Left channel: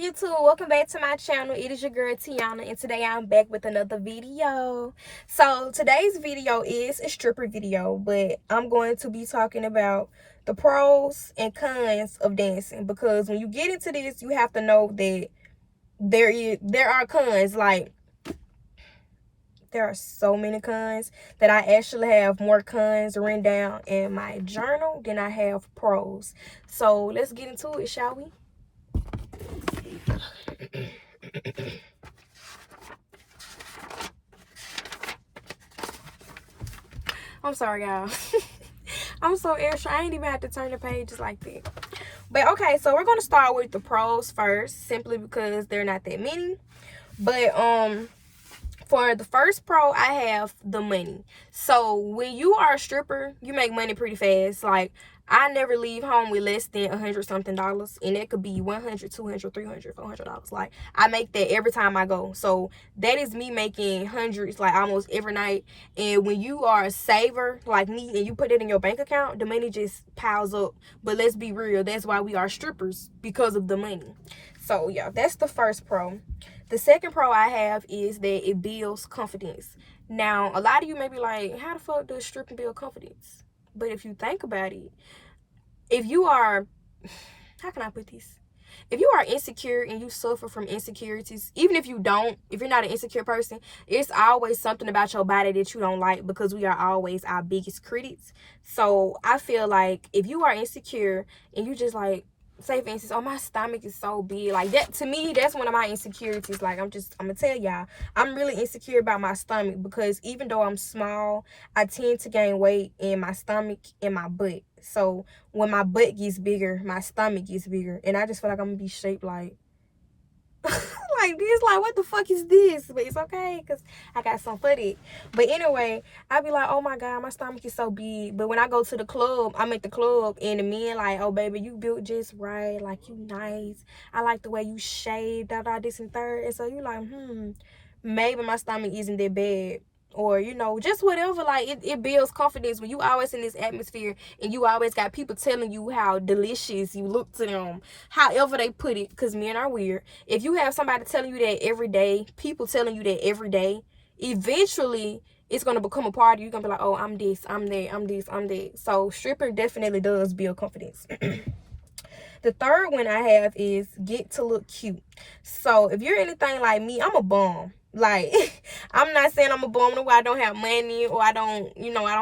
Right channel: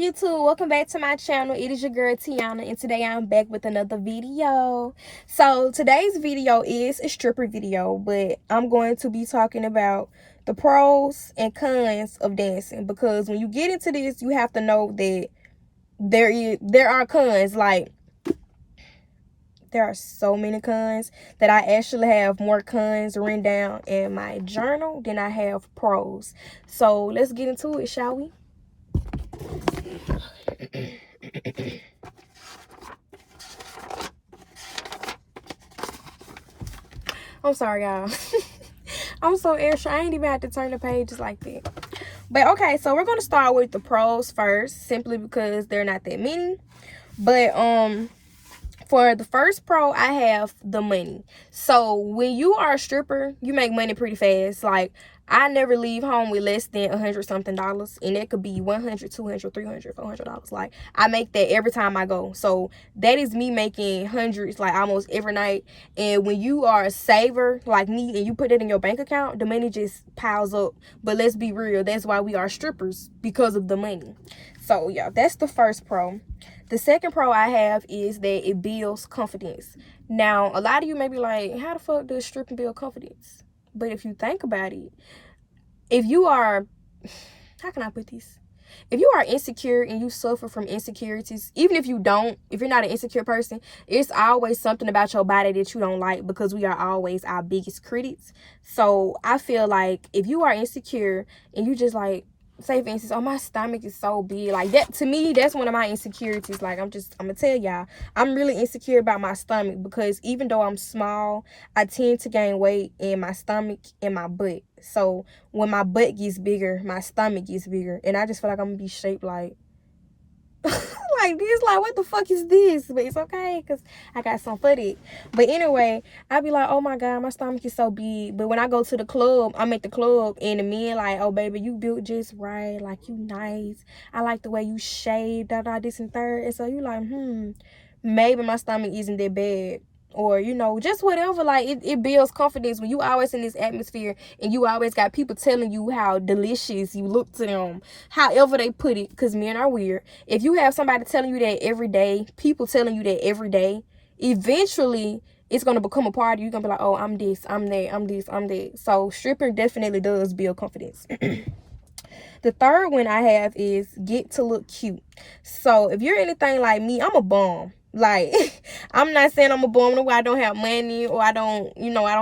YouTube? Welcome back to my channel. It is your girl Tiana, and today I'm back with another video. So today's video is a stripper video, but I'm going to be talking about the pros and cons of dancing, because when you get into this, you have to know that there are cons. Like, there are so many cons that I actually have more cons written down in my journal than I have pros. So let's get into it, shall we? I'm sorry, y'all. I'm so extra. I ain't even have to turn the pages like that. But okay, so we're gonna start with the pros first, simply because they're not that many. But for the first pro, I have the money. So when you are a stripper, you make money pretty fast. Like, I never leave home with less than $100 something, and it could be $100, $200, $300, $400. Like, I make that every time I go. So that is me making hundreds, like, almost every night. And when you are a saver like me and you put it in your bank account, the money just piles up. But let's be real, that's why we are strippers, because of the money. So yeah, that's the first pro. The second pro I have is that it builds confidence. Now, a lot of you may be like, how the fuck does stripping build confidence? But if you think about it, if you are, how can I put this? If you are insecure and you suffer from insecurities, even if you're not an insecure person, it's always something about your body that you don't like, because we are always our biggest critics. So I feel like if you are insecure and you just like, say for instance, oh, my stomach is so big, like that, to me, that's one of my insecurities. Like, I'm gonna tell y'all, I'm really insecure about my stomach, because even though I'm small, I tend to gain weight in my stomach and my butt. So when my butt gets bigger, my stomach gets bigger, and I just feel like I'm gonna be shaped like like this. Like, what the fuck is this? But it's okay, because I got some footage. But anyway, I be like, oh my god, my stomach is so big. But when I go to the club, I'm at the club, and the men like, oh baby, you built just right, like, you nice, I like the way you shaved, this and third. And so you like, maybe my stomach isn't that bad, or just whatever. Like, it builds confidence when you always in this atmosphere and you always got people telling you how delicious you look to them, however they put it, because men are weird. If you have somebody telling you that every day, people telling you that every day, eventually it's going to become a part of you. You're going to be like, oh, I'm this, I'm that, I'm this, I'm that. So stripping definitely does build confidence. The third one I have is get to look cute. So if you're anything like me, I'm a bum. Like, I'm not saying I'm a bum where I don't have money, or I don't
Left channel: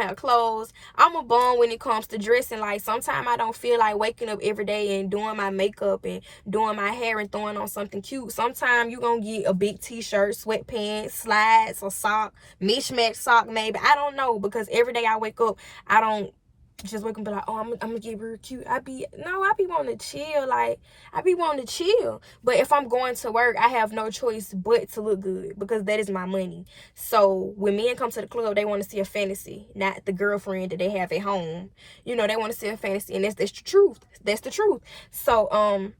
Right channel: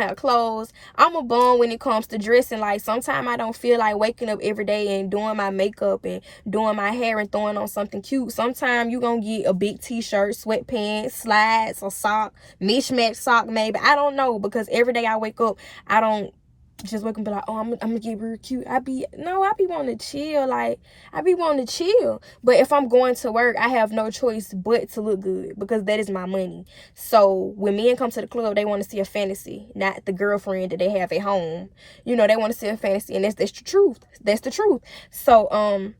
have clothes. I'm a bum when it comes to dressing. Like, sometimes I don't feel like waking up every day and doing my makeup and doing my hair and throwing on something cute. Sometimes you're going to get a big t-shirt, sweatpants, slides, a sock, mismatched sock maybe. I don't know, because every day I wake up, I don't just wake up and be like, oh, I'm gonna get real cute. I be wanting to chill. Like, I be wanting to chill. But if I'm going to work, I have no choice but to look good, because that is my money. So when men come to the club, they want to see a fantasy, not the girlfriend that they have at home. They want to see a fantasy, and that's the truth. That's the truth. So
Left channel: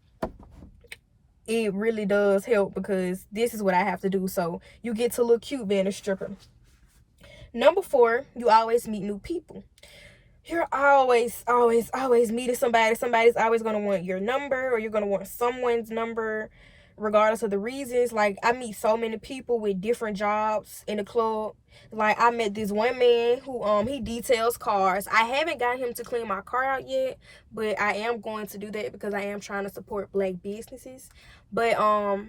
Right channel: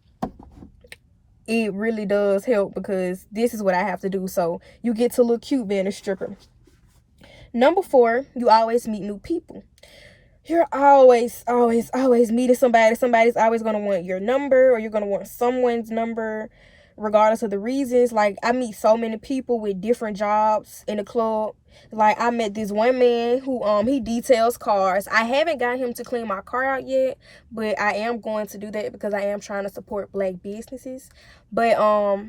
it really does help, because this is what I have to do. So you get to look cute being a stripper. Number 4, you always meet new people. You're always meeting somebody. Somebody's always going to want your number, or you're going to want someone's number, regardless of the reasons. Like, I meet so many people with different jobs in the club. Like, I met this one man who he details cars. I haven't got him to clean my car out yet, but I am going to do that, because I am trying to support black businesses. But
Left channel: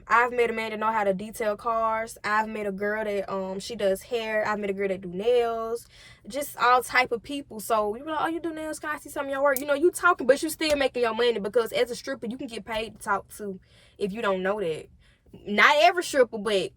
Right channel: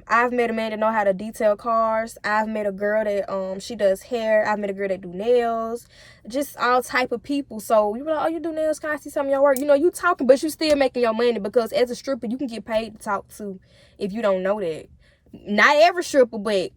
I've met a man that know how to detail cars. I've met a girl that she does hair. I've met a girl that do nails. Just all type of people. So you be like, oh, you do nails, can I see some of your work? You talking, but you still making your money, because as a stripper, you can get paid to talk to, if you don't know that. Not every stripper, but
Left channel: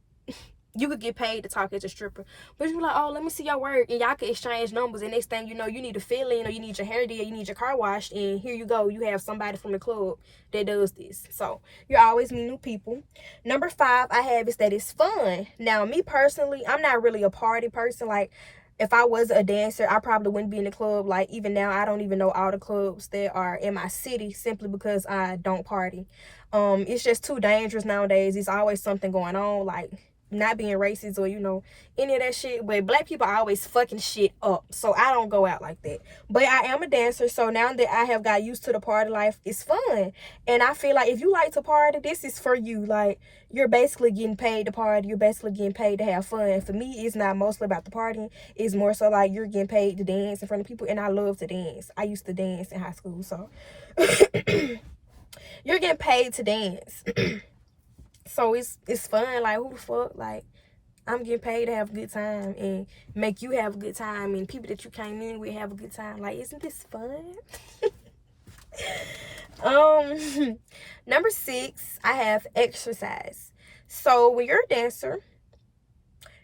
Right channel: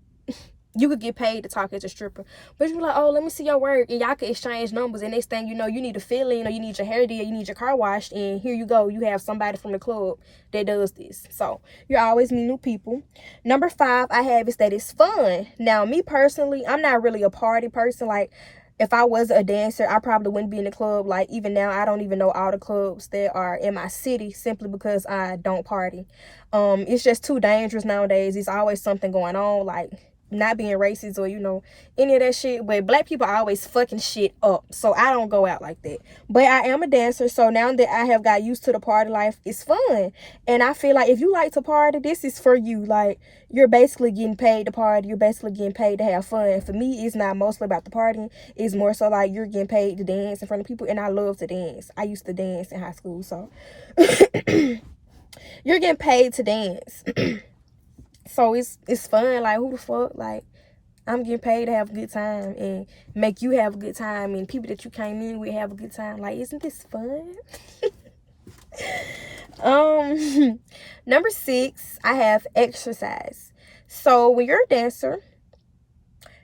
you could get paid to talk as a stripper. But you be like, oh, let me see your work, and y'all can exchange numbers, and next thing you know, you need a fill-in, or you need your hair did, you need your car washed, and here you go, you have somebody from the club that does this. So you always meet new people. Number 5 I have is that it's fun. Now, me personally, I'm not really a party person. Like, if I was a dancer, I probably wouldn't be in the club. Like, even now, I don't even know all the clubs that are in my city, simply because I don't party. It's just too dangerous nowadays. There's always something going on. Like, not being racist or, you know, any of that shit. But black people are always fucking shit up. So I don't go out like that. But I am a dancer. So now that I have got used to the party life, it's fun. And I feel like if you like to party, this is for you. Like, you're basically getting paid to party. You're basically getting paid to have fun. For me, it's not mostly about the party. It's more so like you're getting paid to dance in front of people. And I love to dance. I used to dance in high school. So you're getting paid to dance. So it's fun. Like, who the fuck? Like, I'm getting paid to have a good time and make you have a good time, and people that you came in with have a good time. Like, isn't this fun? Number 6, I have exercise. So when you're a dancer,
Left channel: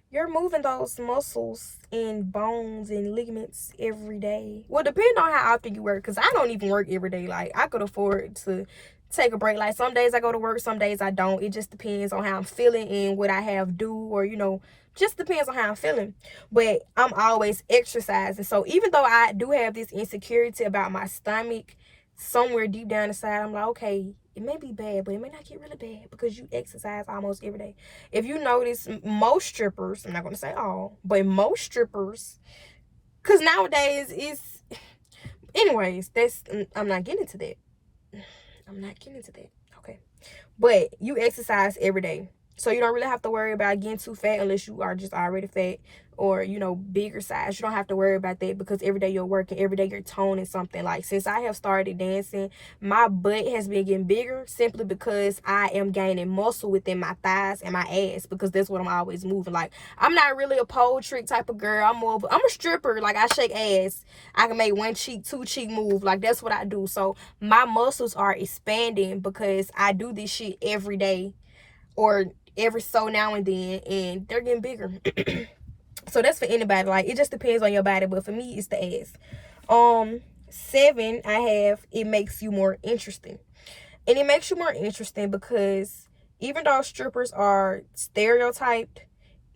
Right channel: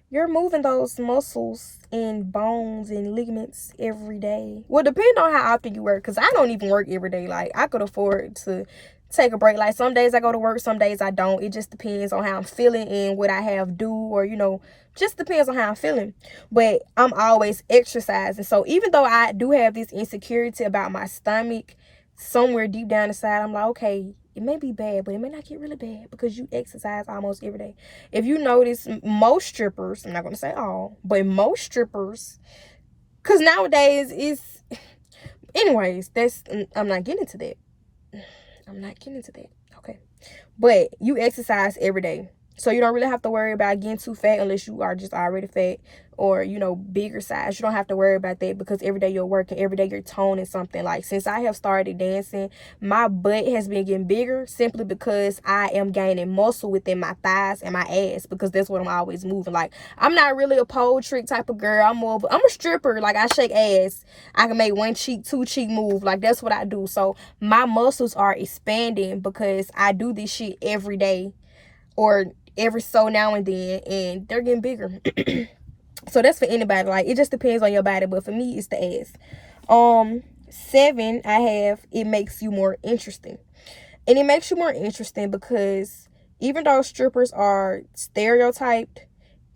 you're moving those muscles and bones and ligaments every day. Well, depending on how often you work, because I don't even work every day. Like, I could afford to take a break. Like, some days I go to work, some days I don't. It just depends on how I'm feeling and what I have due, or, you know, just depends on how I'm feeling. But I'm always exercising. So even though I do have this insecurity about my stomach, somewhere deep down inside, I'm like, okay, it may be bad, but it may not get really bad because you exercise almost every day. If you notice, most strippers, I'm not going to say all, but most strippers, because nowadays it's, anyways, I'm not getting into that. Okay. But you exercise every day. So you don't really have to worry about getting too fat unless you are just already fat or, you know, bigger size. You don't have to worry about that because every day you're working, every day you're toning something. Like, since I have started dancing, my butt has been getting bigger simply because I am gaining muscle within my thighs and my ass, because that's what I'm always moving. Like, I'm not really a pole trick type of girl. I'm a stripper. Like, I shake ass. I can make one cheek, two cheek move. Like, that's what I do. So my muscles are expanding because I do this shit every day or every so now and then, and they're getting bigger. So that's for anybody. Like, it just depends on your body, but for me, it's the ass. 7, I have, it makes you more interesting. And it makes you more interesting because even though strippers are stereotyped,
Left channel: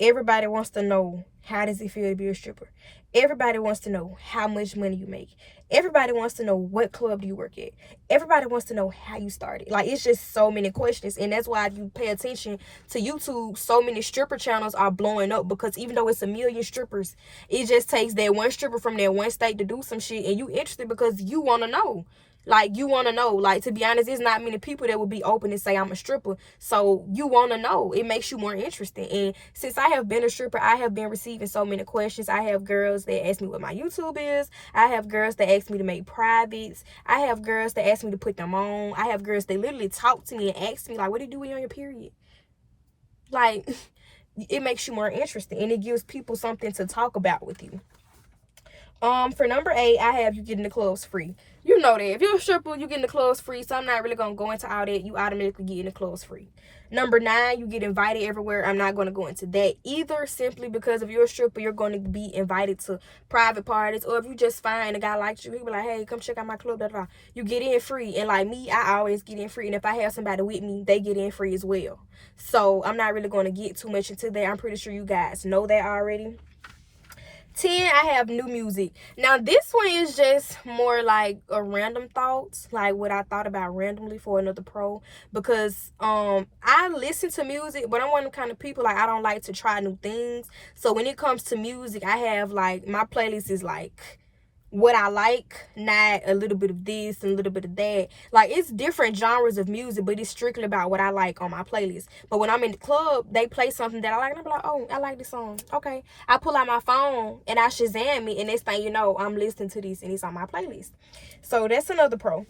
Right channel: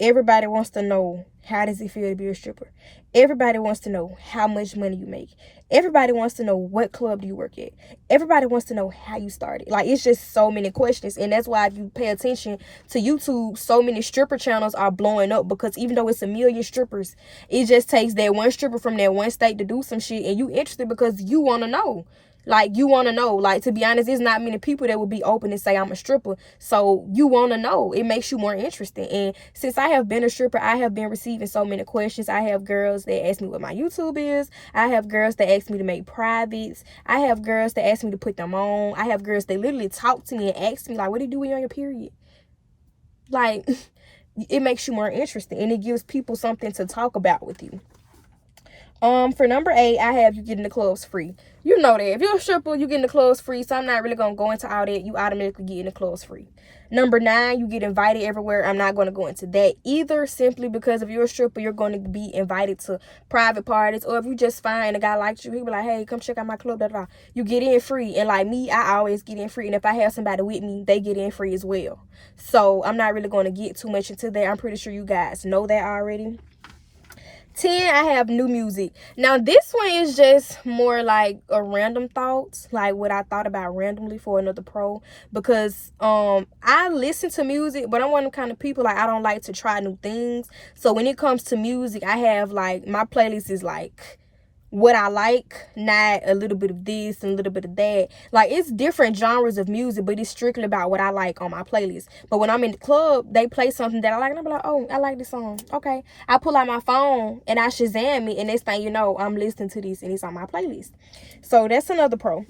everybody wants to know, how does it feel to be a stripper? Everybody wants to know how much money you make. Everybody wants to know what club do you work at. Everybody wants to know how you started. Like, it's just so many questions. And that's why if you pay attention to YouTube, so many stripper channels are blowing up, because even though it's a million strippers, it just takes that one stripper from that one state to do some shit, and you interested because you want to know. Like, you want to know. Like, to be honest, there's not many people that would be open and say I'm a stripper. So you want to know. It makes you more interesting. And since I have been a stripper, I have been receiving so many questions. I have girls that ask me what my YouTube is. I have girls that ask me to make privates. I have girls that ask me to put them on. I have girls that literally talk to me and ask me, like, what do you do when you're on your period? Like, it makes you more interesting, and it gives people something to talk about with you. For number 8, I have you getting the clubs free. You know that. If you're a stripper, you getting the clubs free. So I'm not really going to go into all that. You automatically getting the clubs free. Number 9, you get invited everywhere. I'm not going to go into that either, simply because if you're a stripper, you're going to be invited to private parties. Or if you just find a guy like you, he'll be like, hey, come check out my club, you get in free. And like me, I always get in free. And if I have somebody with me, they get in free as well. So I'm not really going to get too much into that. I'm pretty sure you guys know that already. 10, I have new music. Now, this one is just more like a random thoughts, like what I thought about randomly for another pro, because I listen to music, but I'm one of the kind of people, like, I don't like to try new things. So when it comes to music, I have, like, my playlist is like what I like, not a little bit of this and a little bit of that. Like, it's different genres of music, but it's strictly about what I like on my playlist. But when I'm in the club, they play something that I like, and I'm like, oh, I like this song. Okay. I pull out my phone and I Shazam it, and next thing you know, I'm listening to this and it's on my playlist. So that's another pro.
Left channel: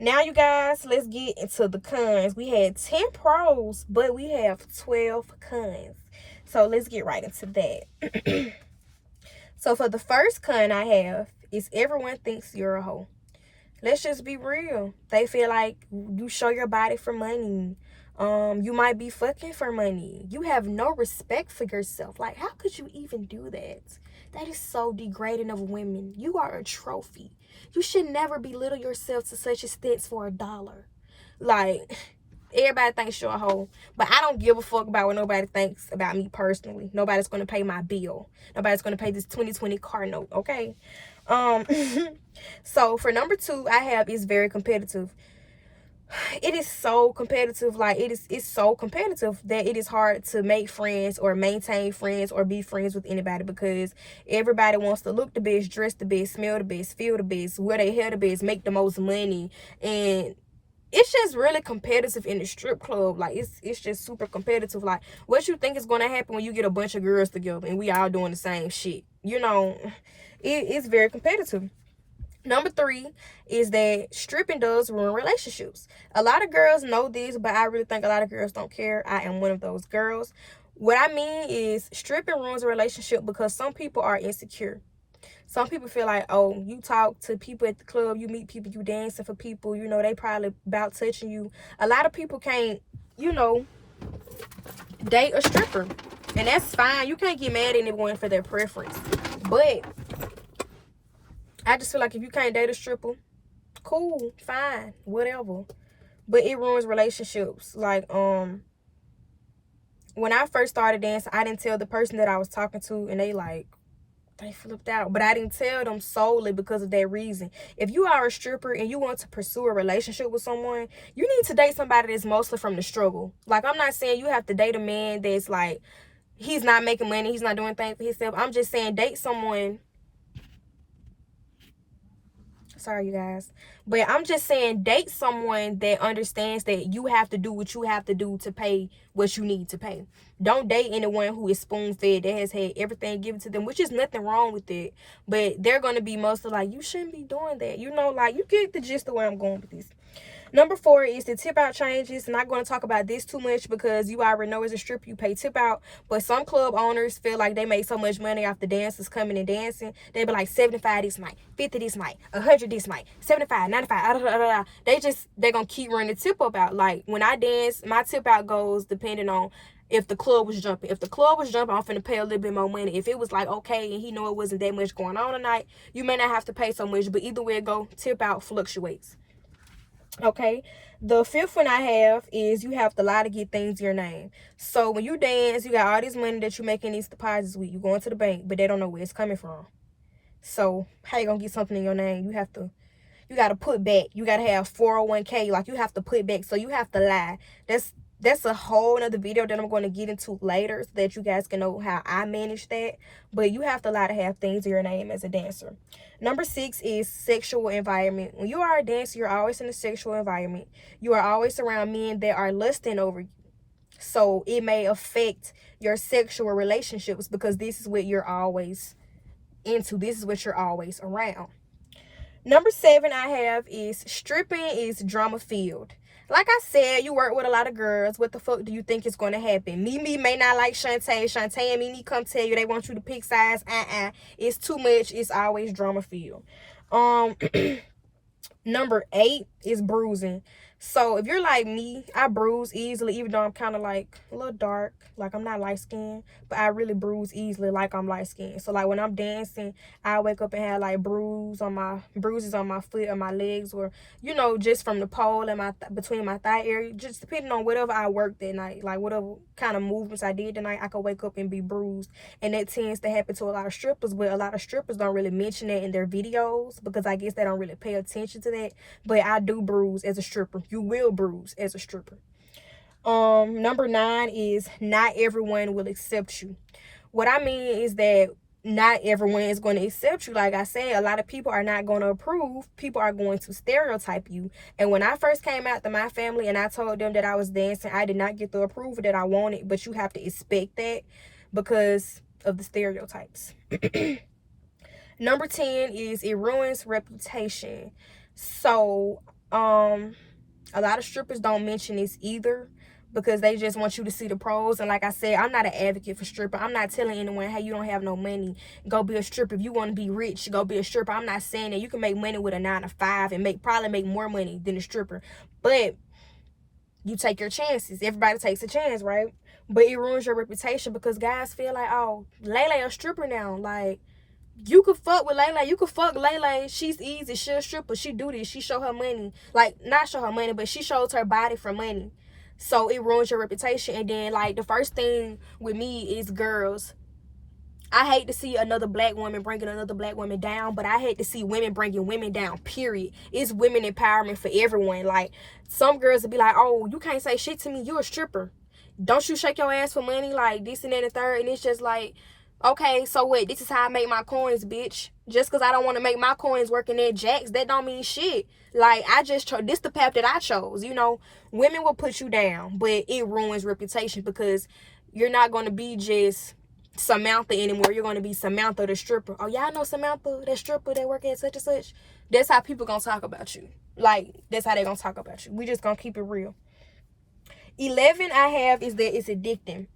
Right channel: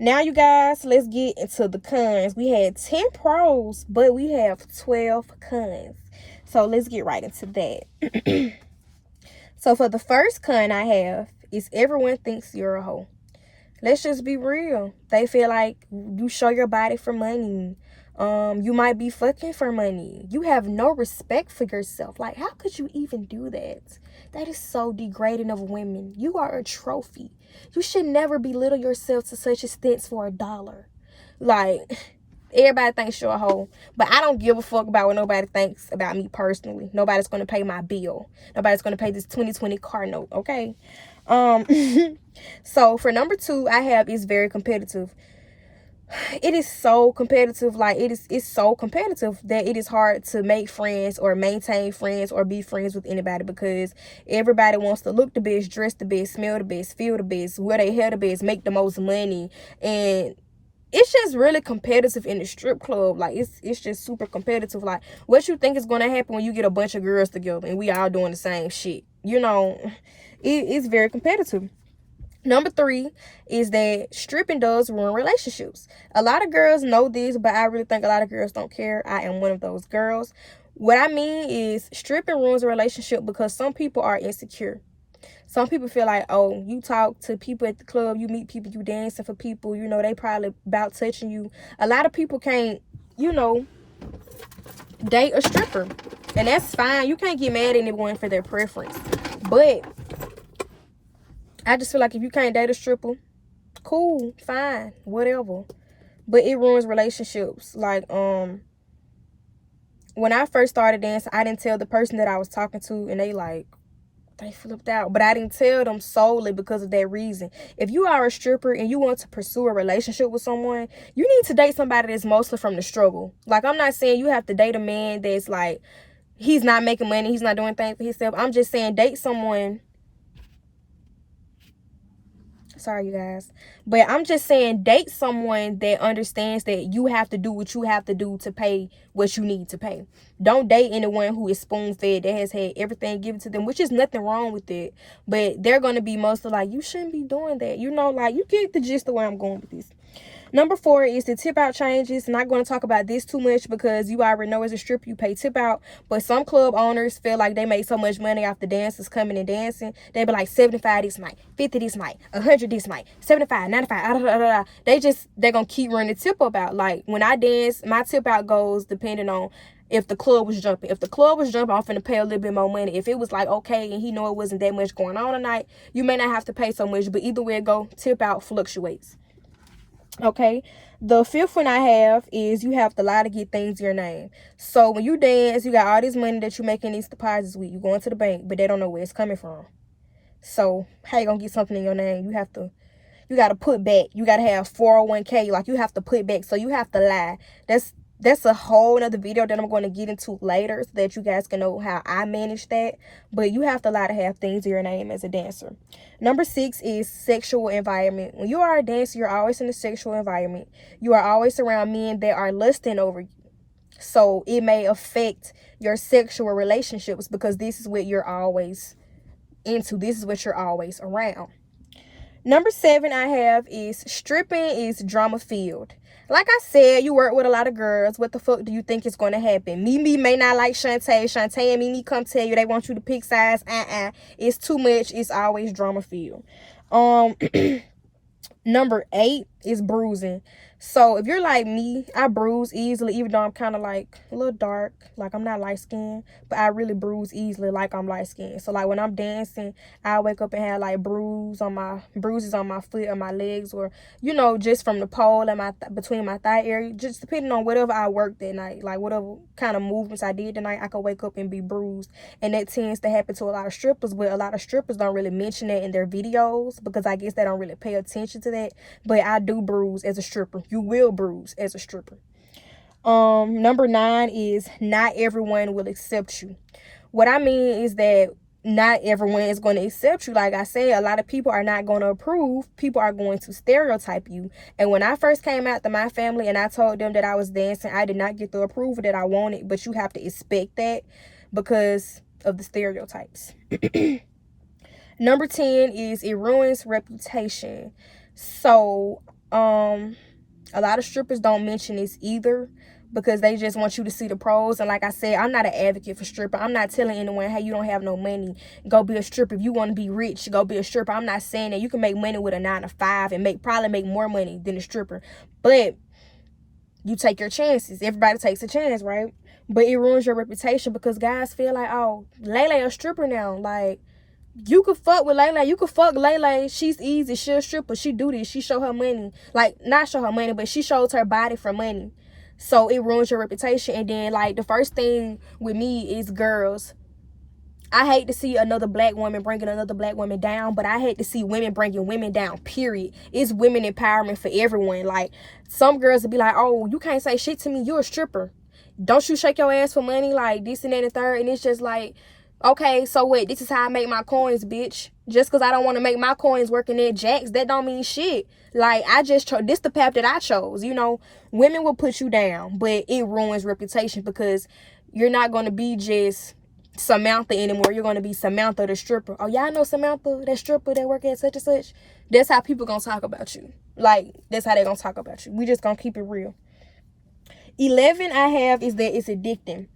Now, you guys, let's get into the cons. We had 10 pros, but we have 12 cons. So let's get right into that. So for the first con I have is everyone thinks you're a hoe. Let's just be real. They feel like you show your body for money. You might be fucking for money. You have no respect for yourself. Like, how could you even do that? That is so degrading of women. You are a trophy. You should never belittle yourself to such extent for $1. Like, everybody thinks you're a hoe, but I don't give a fuck about what nobody thinks about me personally. Nobody's going to pay my bill. Nobody's going to pay this 2020 car note, okay? So for number 2, I have is very competitive. it is so competitive. Like it's so competitive that it is hard to make friends or maintain friends or be friends with anybody, because everybody wants to look the best, dress the best, smell the best, feel the best, wear their hair the best, make the most money. And it's just really competitive in the strip club. Like it's just super competitive. Like, what you think is going to happen when you get a bunch of girls together and we all doing the same shit? You know, it's very competitive. Number 3 is that stripping does ruin relationships. A lot of girls know this, but I really think a lot of girls don't care. I am one of those girls. What I mean is, stripping ruins a relationship because some people are insecure. Some people feel like, oh, you talk to people at the club, you meet people, you dancing for people, you know, they probably about touching you. A lot of people can't, you know, date a stripper. And that's fine. You can't get mad at anyone for their preference. But I just feel like if you can't date a stripper, cool, fine, whatever. But it ruins relationships. Like, when I first started dancing, I didn't tell the person that I was talking to, and they flipped out. But I didn't tell them solely because of that reason. If you are a stripper and you want to pursue a relationship with someone, you need to date somebody that's mostly from the struggle. Like, I'm not saying you have to date a man that's like, he's not making money, he's not doing things for himself. I'm just saying date someone. Sorry, you guys. But I'm just saying date someone that understands that you have to do what you have to do to pay what you need to pay. Don't date anyone who is spoon-fed, that has had everything given to them, which is nothing wrong with it. But they're going to be mostly like, you shouldn't be doing that. You know, like, you get the gist of where I'm going with this. Number 4 is the tip out changes. I'm not going to talk about this too much because you already know as a stripper you pay tip out. But some club owners feel like they make so much money off the dancers coming and dancing. They be like 75 this night, 50 this night, 100 this night, 75, 95. They're going to keep running the tip up out. Like, when I dance, my tip out goes depending on if the club was jumping. If the club was jumping, I'm finna pay a little bit more money. If it was like okay and he know it wasn't that much going on tonight, you may not have to pay so much. But either way it go, tip out fluctuates. Okay, the 5th one I have is you have to lie to get things in your name. So when you dance, you got all this money that you're making these deposits with. You going to the bank, but they don't know where it's coming from. So how you gonna get something in your name? You gotta put back. You gotta have 401k. Like, you have to put back. So you have to lie. That's a whole other video that I'm going to get into later so that you guys can know how I manage that. But you have to lie to have things in your name as a dancer. Number 6 is sexual environment. When you are a dancer, you're always in a sexual environment. You are always around men that are lusting over you. So it may affect your sexual relationships because this is what you're always into. This is what you're always around. Number 7 I have is stripping is drama filled. Like I said, you work with a lot of girls. What the fuck do you think is going to happen? Mimi may not like Shantae. Shantae and Mimi come tell you they want you to pick sides. It's too much. It's always drama filled. Number 8 is bruising. So if you're like me, I bruise easily, even though I'm kind of like a little dark. Like, I'm not light skinned, but I really bruise easily like I'm light skinned. So like when I'm dancing, I wake up and have like bruises on my foot or my legs, or you know, just from the pole and between my thigh area, just depending on whatever I worked that night, like whatever kind of movements I did tonight, I could wake up and be bruised. And that tends to happen to a lot of strippers, but a lot of strippers don't really mention that in their videos because I guess they don't really pay attention to that. But I do bruise as a stripper. You will bruise as a stripper. Number 9 is not everyone will accept you. What I mean is that not everyone is going to accept you. Like I said, a lot of people are not going to approve. People are going to stereotype you. And when I first came out to my family and I told them that I was dancing, I did not get the approval that I wanted. But you have to expect that because of the stereotypes. Number 10 is it ruins reputation. So, a lot of strippers don't mention this either because they just want you to see the pros. And like I said, I'm not an advocate for stripper. I'm not telling anyone, hey, you don't have no money, go be a stripper. If you want to be rich, go be a stripper. I'm not saying that. You can make money with a 9 to 5 and probably make more money than a stripper. But you take your chances. Everybody takes a chance, right? But it ruins your reputation because guys feel like, oh, Lele a stripper now. Like, you could fuck with Lele. You could fuck Lele. She's easy. She a stripper. She do this. She show her money. Like, not show her money, but she shows her body for money. So it ruins your reputation. And then, like, the first thing with me is girls. I hate to see another black woman bringing another black woman down, but I hate to see women bringing women down, period. It's women empowerment for everyone. Like, some girls will be like, oh, you can't say shit to me, you're a stripper. Don't you shake your ass for money, like this and that and the third. And it's just like, okay, so what? This is how I make my coins, bitch. Just because I don't want to make my coins working at Jack's, that don't mean shit. Like, I just chose, this the path that I chose, you know. Women will put you down, but it ruins reputation because you're not going to be just Samantha anymore. You're going to be Samantha the stripper. Oh, y'all know Samantha, that stripper that work at such and such? That's how people going to talk about you. Like, that's how they going to talk about you. We just going to keep it real. 11 I have is that it's addicting.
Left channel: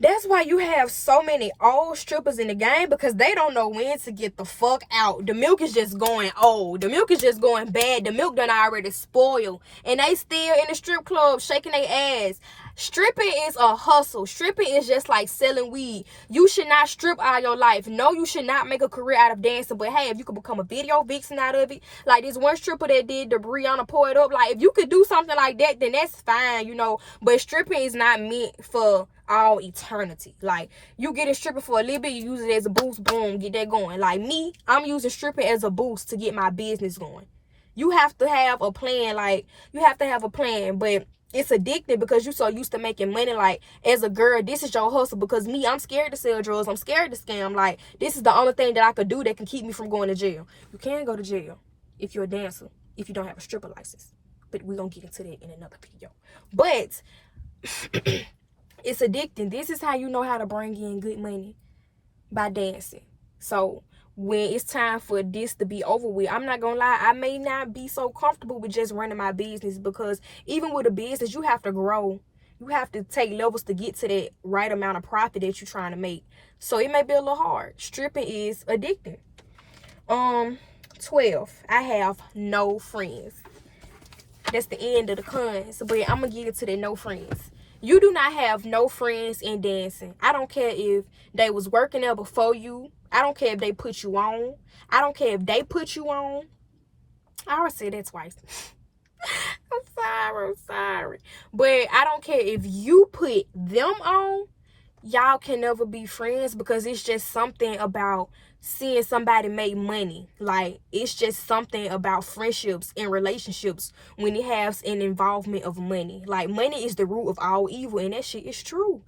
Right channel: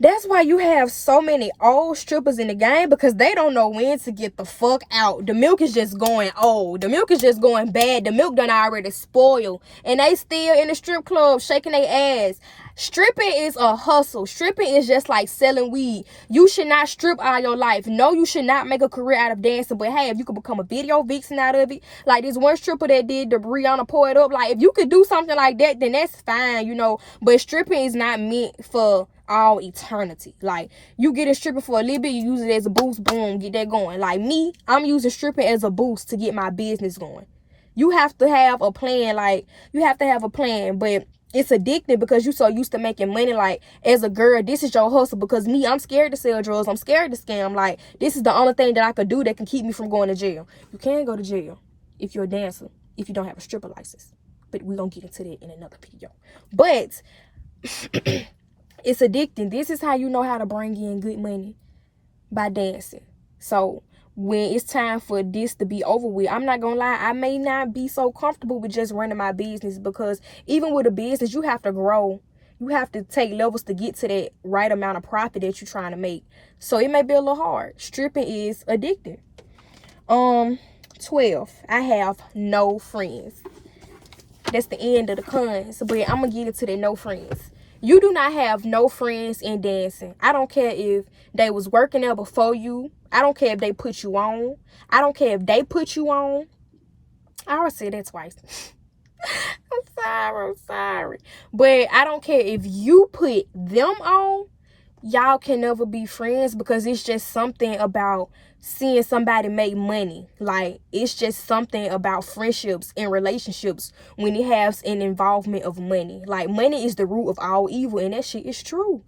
That's why you have so many old strippers in the game, because they don't know when to get the fuck out. The milk is just going old. The milk is just going bad. The milk done already spoiled. And they still in the strip club shaking their ass. Stripping is a hustle. Stripping is just like selling weed. You should not strip all your life. No, you should not make a career out of dancing. But hey, if you could become a video vixen out of it, like this one stripper that did the Brianna Pour It Up, like if you could do something like that, then that's fine, you know. But stripping is not meant for all eternity. Like, you get a stripper for a little bit, you use it as a boost, boom, get that going. Like me, I'm using stripping as a boost to get my business going. You have to have a plan. Like, you have to have a plan. But it's addictive because you're so used to making money. Like, as a girl, this is your hustle. Because me, I'm scared to sell drugs. I'm scared to scam. Like, this is the only thing that I could do that can keep me from going to jail. You can go to jail if you're a dancer, if you don't have a stripper license. But we're going to get into that in another video. But it's addicting. This is how you know how to bring in good money, by dancing. So when it's time for this to be over with, I'm not gonna lie, I may not be so comfortable with just running my business, because even with a business, you have to grow. You have to take levels to get to that right amount of profit that you're trying to make. So it may be a little hard. Stripping is addicting. 12, I have no friends. That's the end of the cons. But I'm gonna get into that no friends. You do not have no friends in dancing. I don't care if they was working there before you. I don't care if they put you on. I don't care if they put you on. I already said that twice. I'm sorry. But I don't care if you put them on. Y'all can never be friends, because it's just something about seeing somebody make money. Like, it's just something about friendships and relationships when it has an involvement of money. Like, money is the root of all evil, and that shit is true.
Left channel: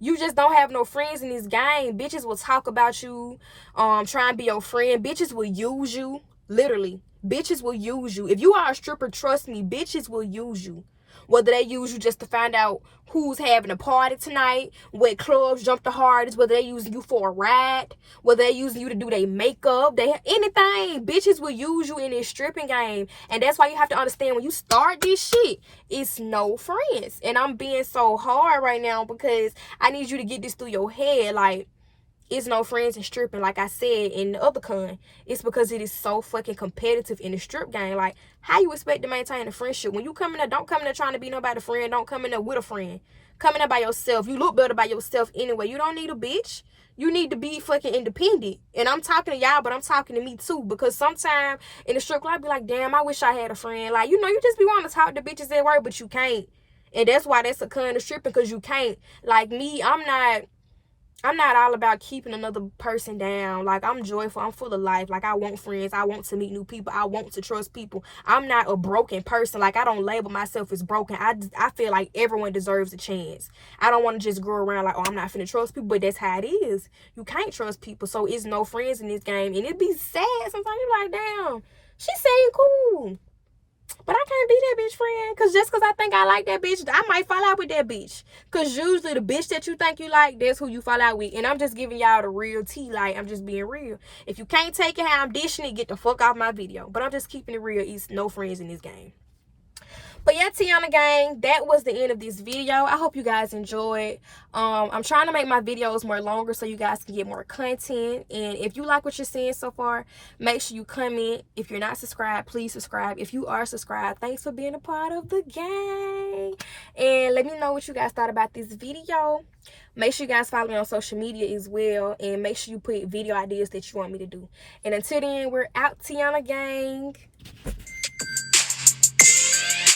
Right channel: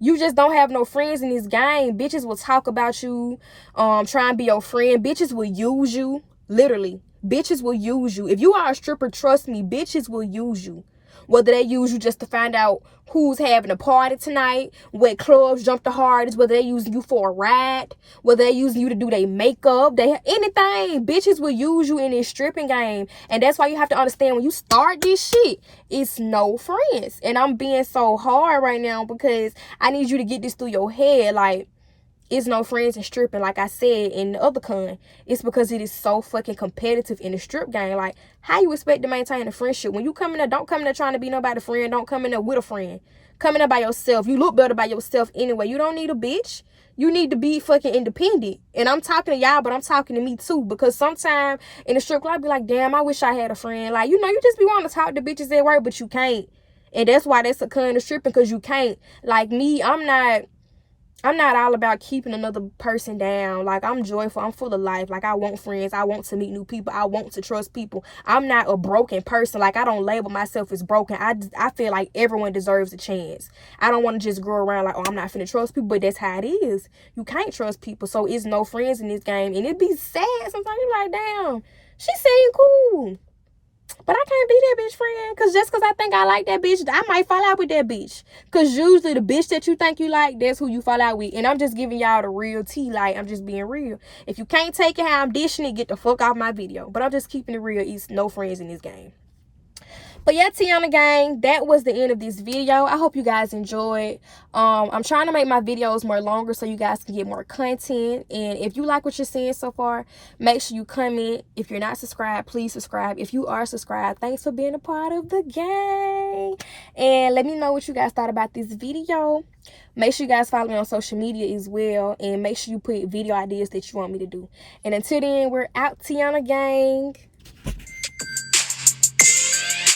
You just don't have no friends in this game. Bitches will talk about you, try and be your friend. Bitches will use you, literally. Bitches will use you. If you are a stripper, trust me, bitches will use you. Whether they use you just to find out who's having a party tonight, what clubs jump the hardest, whether they using you for a ride, whether they using you to do their makeup, anything. Bitches will use you in this stripping game. And that's why you have to understand, when you start this shit, it's no friends. And I'm being so hard right now because I need you to get this through your head. Like, it's no friends in stripping. Like I said in the other con, it's because it is so fucking competitive in the strip game. Like, how you expect to maintain a friendship when you come in there? Don't come in there trying to be nobody's friend. Don't come in there with a friend. Come in there by yourself. You look better by yourself anyway. You don't need a bitch. You need to be fucking independent. And I'm talking to y'all, but I'm talking to me too, because sometimes in the strip club I be like, damn, I wish I had a friend. Like, you know, you just be wanting to talk to bitches at work, but you can't. And that's why that's a con of stripping, because you can't. Like me, I'm not all about keeping another person down. Like, I'm joyful. I'm full of life. Like, I want friends. I want to meet new people. I want to trust people. I'm not a broken person. Like, I don't label myself as broken. I feel like everyone deserves a chance. I don't want to just go around like, oh, I'm not finna trust people. But that's how it is. You can't trust people. So it's no friends in this game. And it be sad. Sometimes you're like, damn, she seemed cool, but I can't be that bitch friend. Because just because I think I like that bitch, I might fall out with that bitch. Because usually the bitch that you think you like, that's who you fall out with. And I'm just giving y'all the real tea. Like, I'm just being real. If you can't take it how I'm dishing it, get the fuck off my video. But I'm just keeping it real. It's no friends in this game. But yeah, Tiana gang, that was the end of this video. I hope you guys enjoyed. I'm trying to make my videos more longer so you guys can get more content. And if you like what you're seeing so far, make sure you comment. If you're not subscribed, please subscribe. If you are subscribed, thanks for being a part of the gang. And let me know what you guys thought about this video. Make sure you guys follow me on social media as well. And make sure you put video ideas that you want me to do. And until then, we're out, Tiana gang.